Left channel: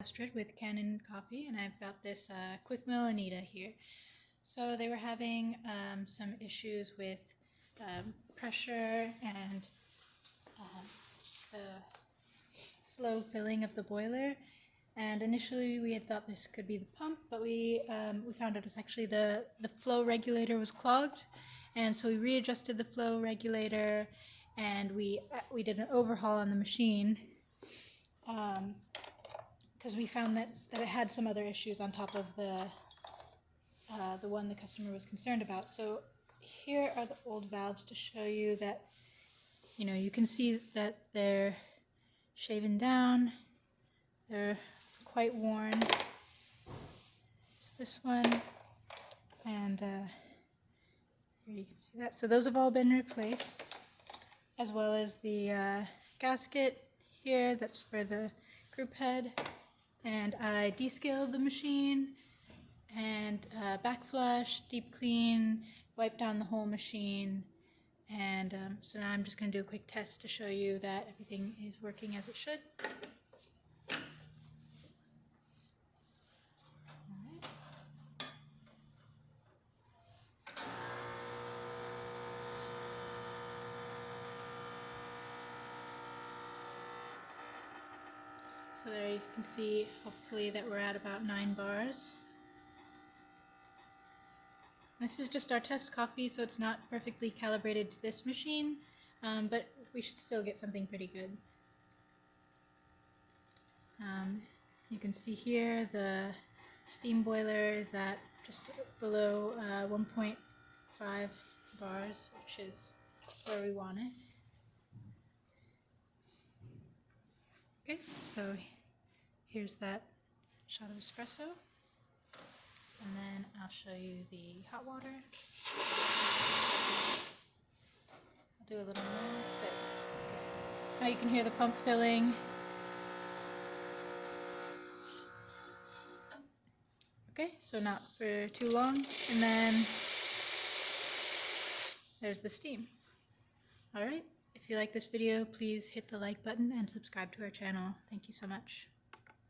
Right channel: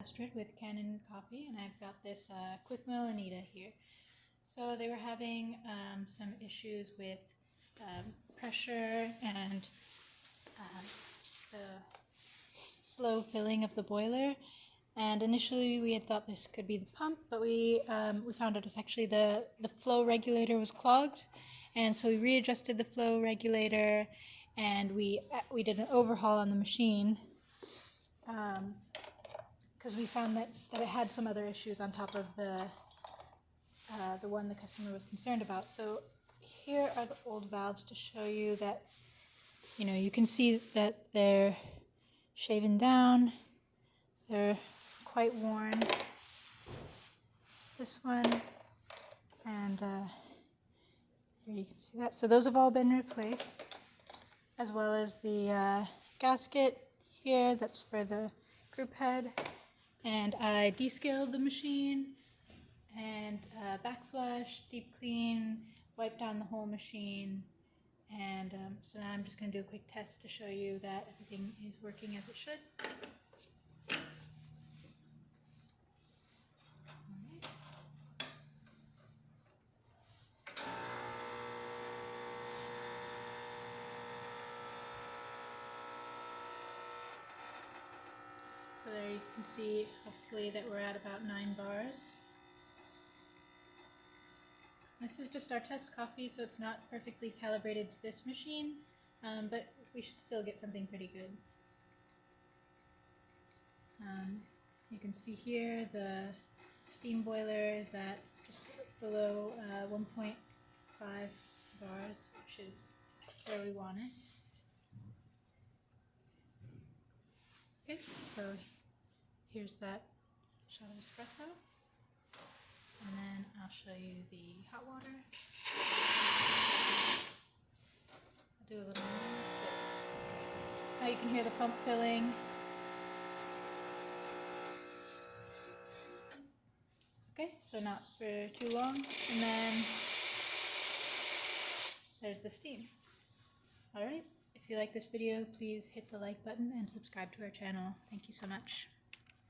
With Kanen Coffee, and I've got this Quickmill Anita here. So they were having some issues with pressure and the slow filling of the boiler. And initially we had thought this could be the pump, but we found out it's actually the flow regulator was clogged. And so we readjusted the flow regulator, and we did an overhaul on the machine. Because we found that it had some other issues on top of the one the customer was concerned about. So here are the old valves to show you that, you can see that they're shaven down, they're quite worn. This one, and here you can see that. So those have all been replaced, as well as the gasket here, that's for the group head. And I descaled the machine and backflush, deep clean, wipe down the whole machine. And so now I'm just going to do a quick test to show you that everything is working as it should. So there you can see, hopefully, that we're at about 9 bars. This is just our test coffee, so it's not perfectly calibrated to this machine, but we should still get something pretty good. You can see here the steam boiler is at just below 1.5 bars, which is where we want it. Okay, so here's that shot of espresso, and then I'll show you the hot water. I'll do a little more, but now you can hear the pump filling. Okay, so not for too long, and then there's the steam. Alright. If you like this video, please hit the like button and subscribe to our channel. Thank you so much.